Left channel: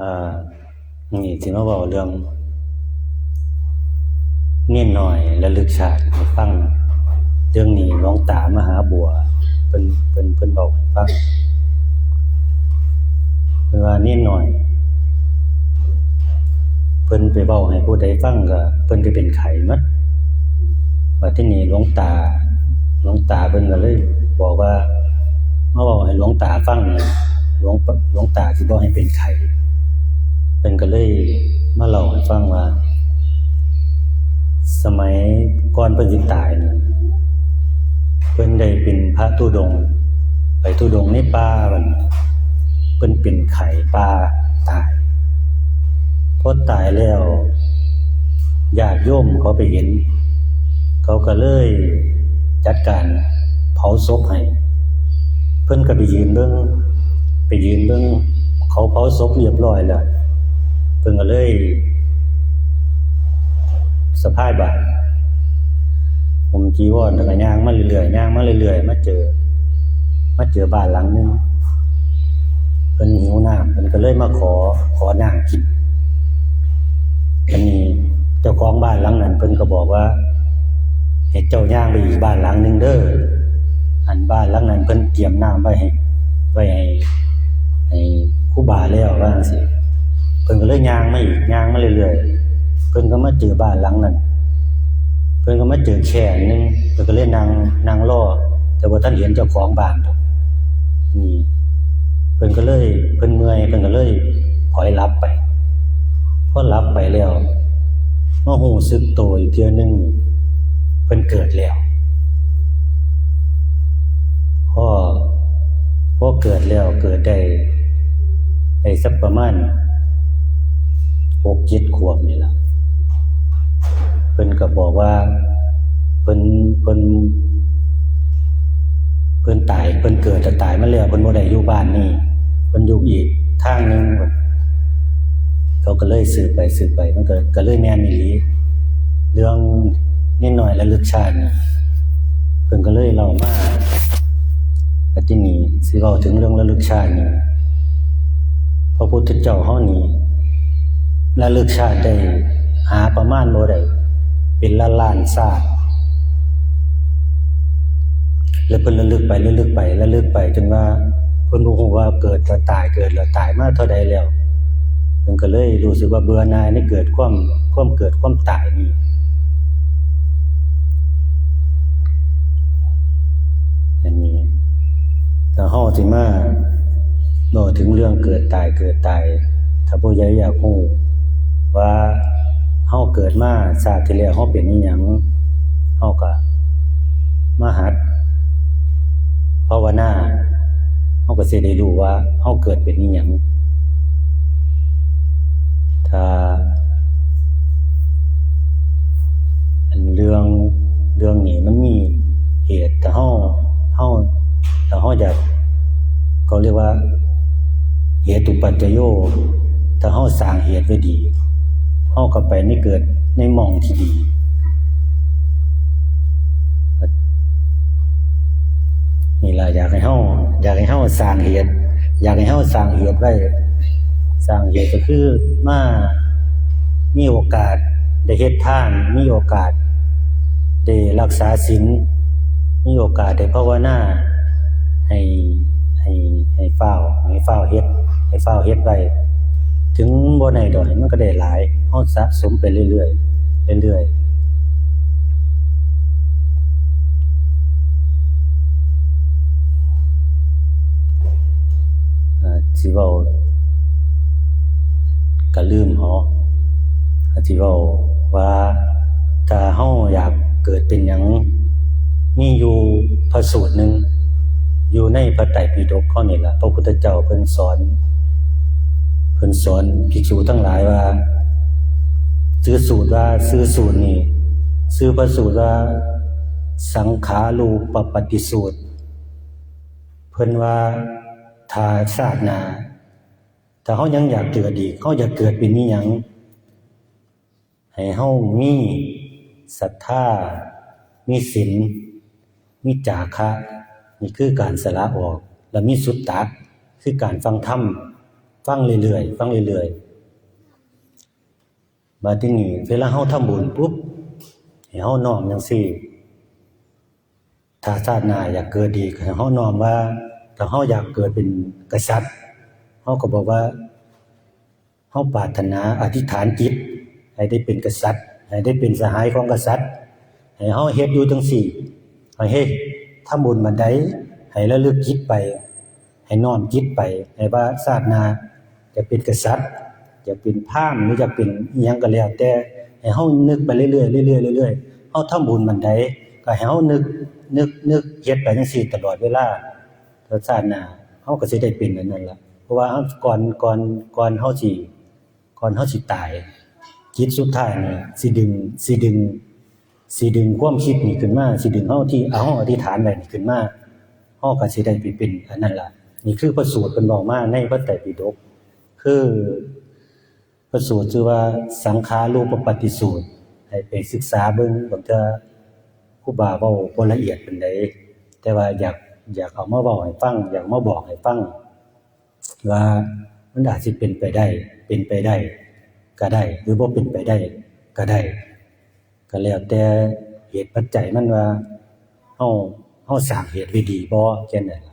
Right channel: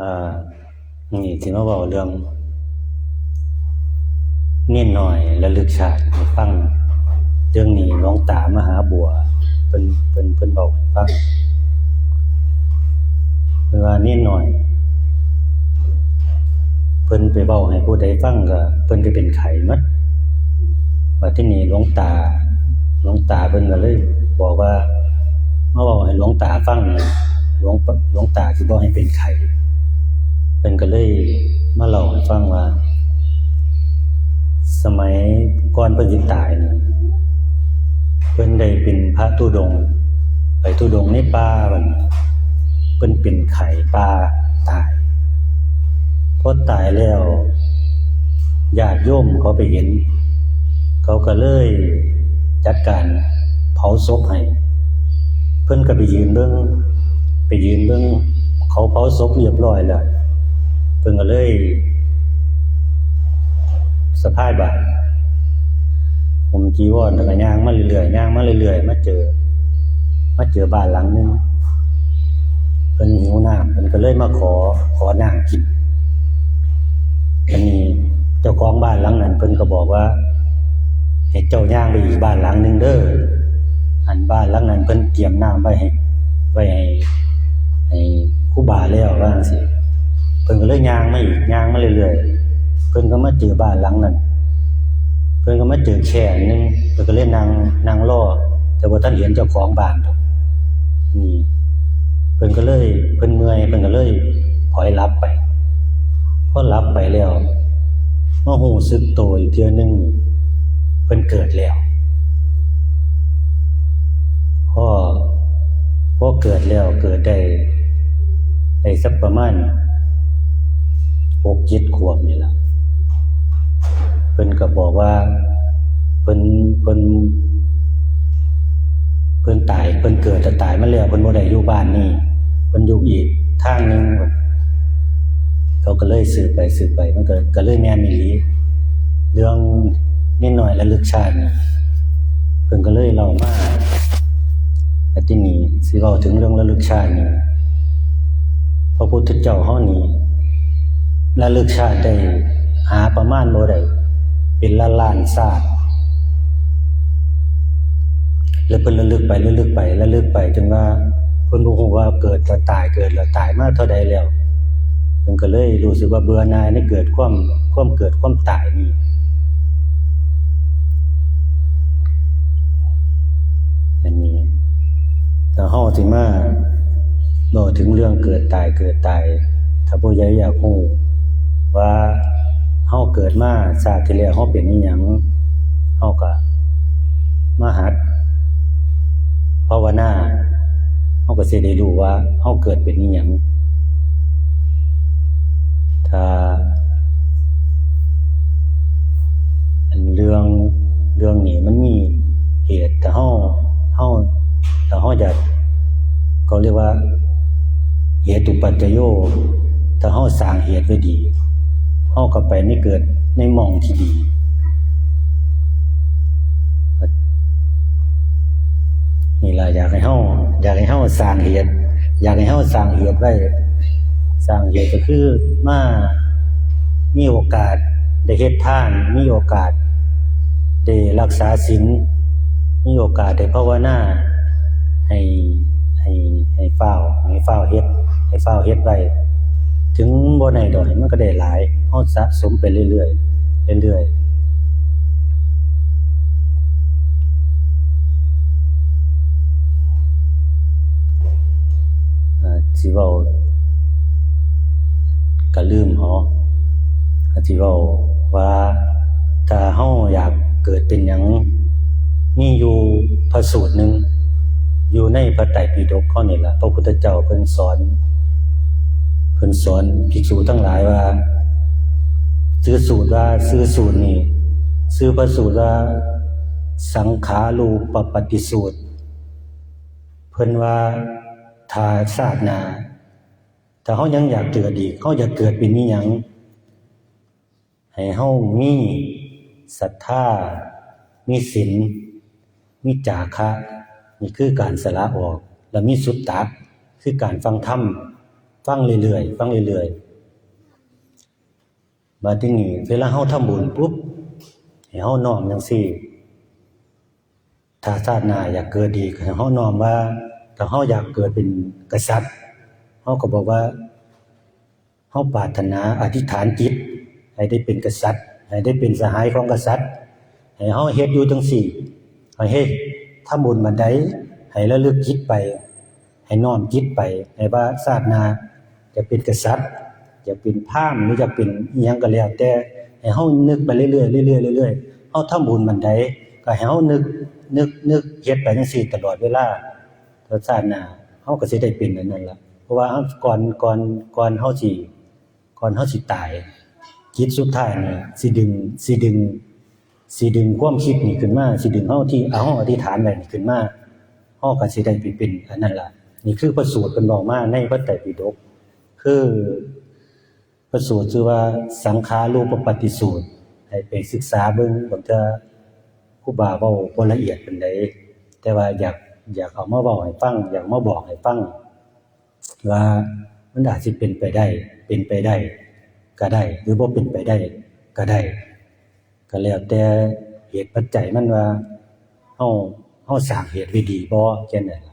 อ่านี่สิมาเว้าเรื่องเน้นน้อยระลึกชาติให้ฟังเรื่องนี้หลวงตามหาบัวเพิ่นเว้าให้ฟังเพิ่นว่าเน้นน้อยเพิ่นไปเว้าให้ผู้ใดฟังก็เพิ่นไปเป็นไข้นะบัดทีนี้หลวงตาเพิ่นก็เลยบอกว่ามาเว้าให้หลวงตาฟังหลวงตาสิบ่ให้เป็นไข้เพิ่นก็เลยมาเล่าให้ฟังว่าสมัยก่อนเพิ่นสิตายน่ะเพิ่นได้เป็นพระธุดงค์ไปธุดงค์ในป่าเพิ่นเป็นไข้ป่าตายพอตายแล้วญาติโยมเขาไปเห็นเขาก็เลยจัดการเผาศพให้เพิ่นก็ไปยืนเบิ่งเขาเผาศพเรียบร้อยแล้วเพิ่นก็เลยสะพายบาตรห่มจีวรแล้วก็ย่างมาเรื่อยๆมาเจอบ้านหลังนึงเพิ่นหิวน้ำเพิ่นก็เลยมาขอน้ำกินอันนี้เจ้าของบ้านหลังนั้นเพิ่นก็บอกว่าให้เจ้าย่างไปอีกบ้านหลังนึงเด้ออันบ้านหลังนั้นเพิ่นเตรียมน้ำไว้ให้ครูบาแล้วว่าจังซี่เพิ่นก็เลยย่างมาเรื่อยๆเพิ่นก็มาเจอบ้านหลังนั้นเพิ่นก็มาเจอแค่นึงเพิ่นก็เลยนั่งรอแต่ว่าท่านเห็นเจ้าของบ้านดอกนี่เพิ่นเมื่อยเพิ่นก็เลยพลอยหลับไปพอหลับไปแล้วมารู้สึกตัวอีกเทื่อนึงเพิ่นเกิดแล้วพอเกิดแล้วเกิดได้สักประมาณ 6-7 ขวบนี่ล่ะเพิ่นก็บอกว่าเพิ่นตายเพิ่นเกิดแต่ตายมาแล้วเพิ่นบ่ได้อยู่บ้านนี้เพิ่นอยู่อีกทางนึงเขาก็เลยสืบไปมันก็เลยแม่นอีหลีเรื่องนิดหน่อยระลึกชาติน่ะเพิ่นก็เลยเล่ามาแล้วทีนี้สิเว้าถึงเรื่องระลึกชาตินี่พระพุทธเจ้าเฮานี่ระลึกชาติได้หาประมาณบ่ได้เป็นล้านๆชาติแล้วเพิ่นระลึกไปจนว่าเพิ่นบ่ฮู้ว่าเกิดแล้วตายมาเท่าใดแล้วเพิ่นก็เลยรู้สึกว่าเบื่อหน่ายในเกิดความเกิดความตายนี่อันนี้ถ้าเฮาสิมาเว้าถึงเรื่องเกิดตายถ้าผู้ใหญ่อยากรู้ว่าเฮาเกิดมาชาติที่แล้วเฮาเป็นอิหยังเฮาก็มาหัดภาวนาเฮาก็สิได้รู้ว่าเฮาเกิดเป็นอิหยังถ้าอันเรื่องนี้มันมีเหตุถ้าเฮาอยากเขาเรียกว่าเหตุปัจจโยถ้าเฮาสร้างเหตุไว้ดีเฮาก็ไปไม่เกิดในหม่องที่ดีนี่ล่ะอยากให้เฮาสร้างเหตุไว้สร้างเหตุก็คือมามีโอกาสได้เฮ็ดทานมีโอกาสได้รักษาศีลมีโอกาสได้ภาวนาให้ฟ้าวเฮ็ดไว้ถึงบ่ได้ดอกมันก็ได้หลายเฮาสะสมไปเรื่อยสิเว้าก็ลืมสิเว้าว่าถ้าเฮาอยากเกิดเป็นหยังมีอยู่พระสูตรนึงอยู่ในพระไตรปิฎกข้อนี้ล่ะพระพุทธเจ้าเพิ่นสอนภิกษุทั้งหลายว่าชื่อพระสูตรว่าสังขารูปปฏิสูตรเพิ่นว่าถ้าชาติหน้าถ้าเฮายังอยากเกิดอีกเฮาอยากเกิดเป็นอิหยังให้เฮามีศรัทธามีศีลมีจาคะนี่คือการสละออกและมีสุตตะคือการฟังธรรม ฟังเรื่อยๆฟังเรื่อยๆมาที่นี่เวลาเฮาทำบุญปุ๊บให้เฮาน้อมจังซี่ถ้าชาติหน้าอยากเกิดดีให้เฮาน้อมว่าถ้าเฮาอยากเกิดเป็นกษัตริย์เฮาก็บอกว่าเฮาปรารถนาอธิษฐานจิตให้ได้เป็นกษัตริย์ให้ได้เป็นสหายของกษัตริย์ให้เฮาเฮ็ดอยู่จังซี่ให้เฮ็ดทำบุญบันใดให้ระลึกจิตไปให้น้อมจิตไปให้ว่าชาติหน้าจะเป็นกษัตริย์จะเป็นพราหมณ์หรือจะเป็นอิหยังก็แล้วแต่ให้เฮานึกไปเรื่อยๆเรื่อยๆเรื่อยๆเฮาทำบุญบันใดก็ให้เฮานึกเฮ็ดไปจังซี่ตลอดเวลาแล้วชาติหน้าเฮาก็สิได้เป็นอันนั้นล่ะเพราะว่าก่อนเฮาสิตายจิตสุดท้ายนี่สิดึงความคิดนี่ขึ้นมาสิดึงเฮาที่เอาอธิษฐานไว้นี่ขึ้นมาเฮาก็สิได้ไปเป็นอันนั้นล่ะนี่คือพระสูตรเพิ่นบอกมาในพระไตรปิฎกคือพระสูตรชื่อว่าสังขารูปปฏิสูตรให้ไปศึกษาเบิ่งบางเทื่อครูบาเว้าบ่ละเอียดปานใดแต่ว่าอยากเอามาเว้าให้ฟังอยากมาบอกให้ฟังว่ามันอาจสิเป็นไปได้ก็ได้หรือบ่เป็นไปได้ก็ได้ก็แล้วแต่เหตุปัจจัยมันว่าเฮาสร้างเหตุไว้ดีบ่แค่นั้น